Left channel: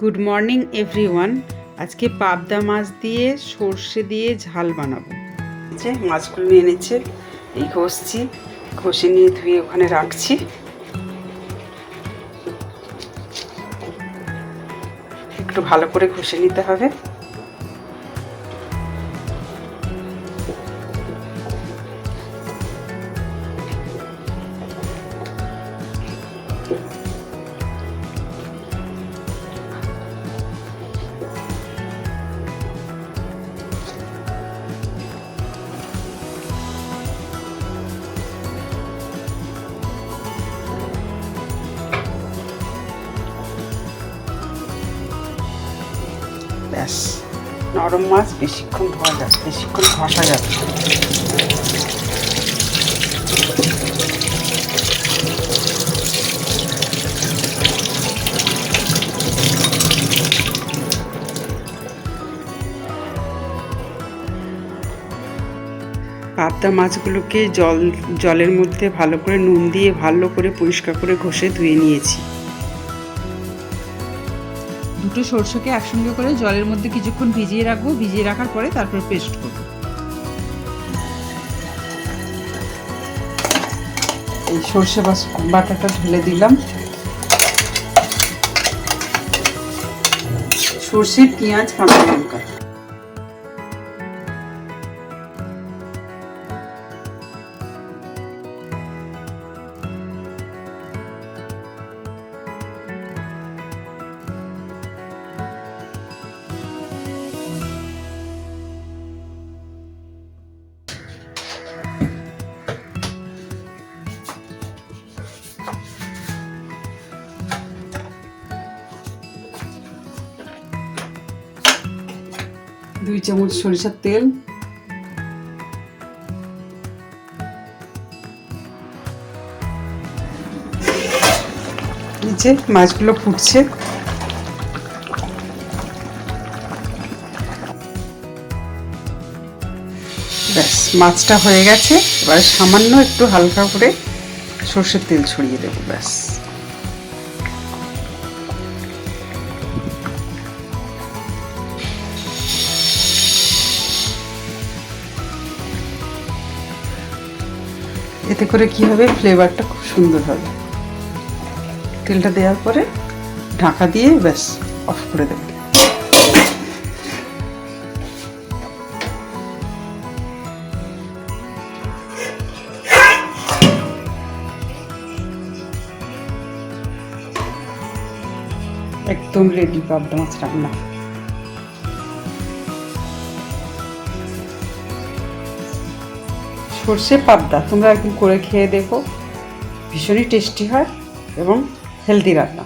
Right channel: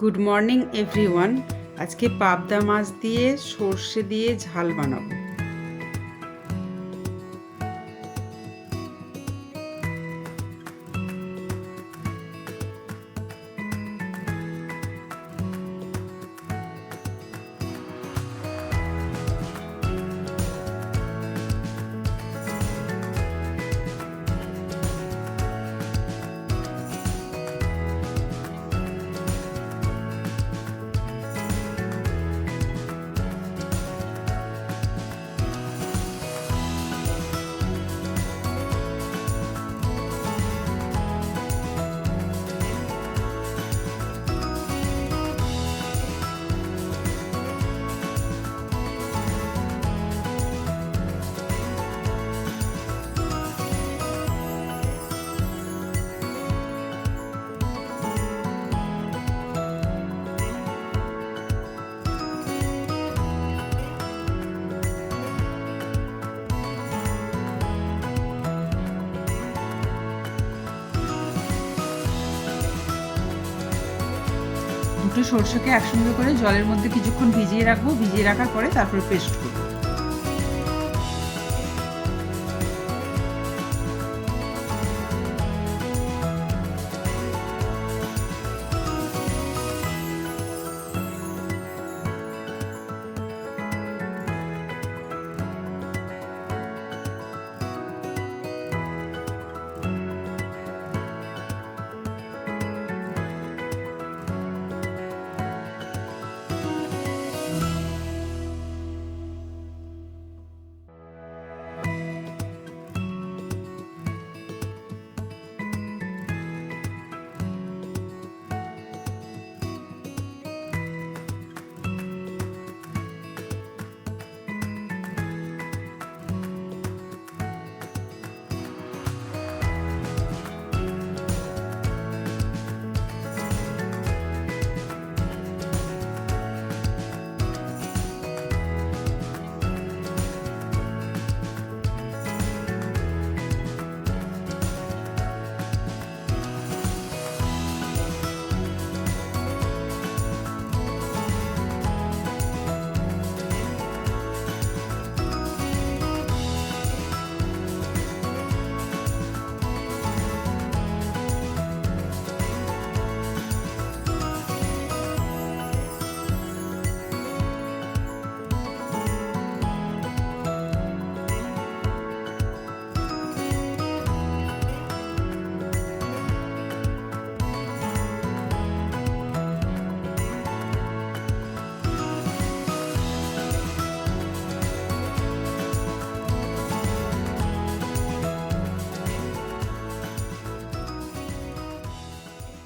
Good morning everyone. আজকে পাবদা মাছ দিয়ে সর্ষে দিয়ে ঝাল বানাবো। যে মাছগুলো নিয়ে এনেছে, এই ঘষছি, ঘষে নিয়ে ধুয়ে ওখানে রাখছি। একটু ভালো করে ঘষে নিতে হবে। ব্যাস, নরম মাছ বেশিক্ষণ ধোয়া যাবে, বেশিক্ষণ ঘষা যাবে। পাবদা মাছগুলোকে জলের মধ্যে ভালো করে নুন দিয়ে ভালো করে পরিষ্কার করে ঘষে ধুয়ে নিয়েছি। দুটো সরষেকে একসঙ্গে করে জলের মধ্যে কিছুক্ষণ ভিজিয়ে রাখবো। ভিজিয়ে রাখার পরে তারপর পেস্ট করবো। এই সর্ষে বাটাটা ঢেলে দিলাম। সর্ষে, পেঁয়াজ, কাঁচা লঙ্কা, দুই চামচ সরিষার তেল, নিচে মাছগুলো ফুটছে। ব্যাস, মাছটা হয়ে গেছে। এবার সামান্য একটু হালকা করে সর্ষের তেল ছড়িয়ে দেবো। ব্যাস, এতে করে কি হবে, ফ্লেভারটা খুব সুন্দর হবে। তেলটা দেওয়ার পরে ঢাকা দিয়ে ব্যাস অফ করে দেব। একদম রেডি পাবদা মাছ রান্না। সর্ষে পাবদা তোমরা একদিন করে খেয়ে দেখো, ভীষণই টেস্টি হয় এবং হেলদি রান্না।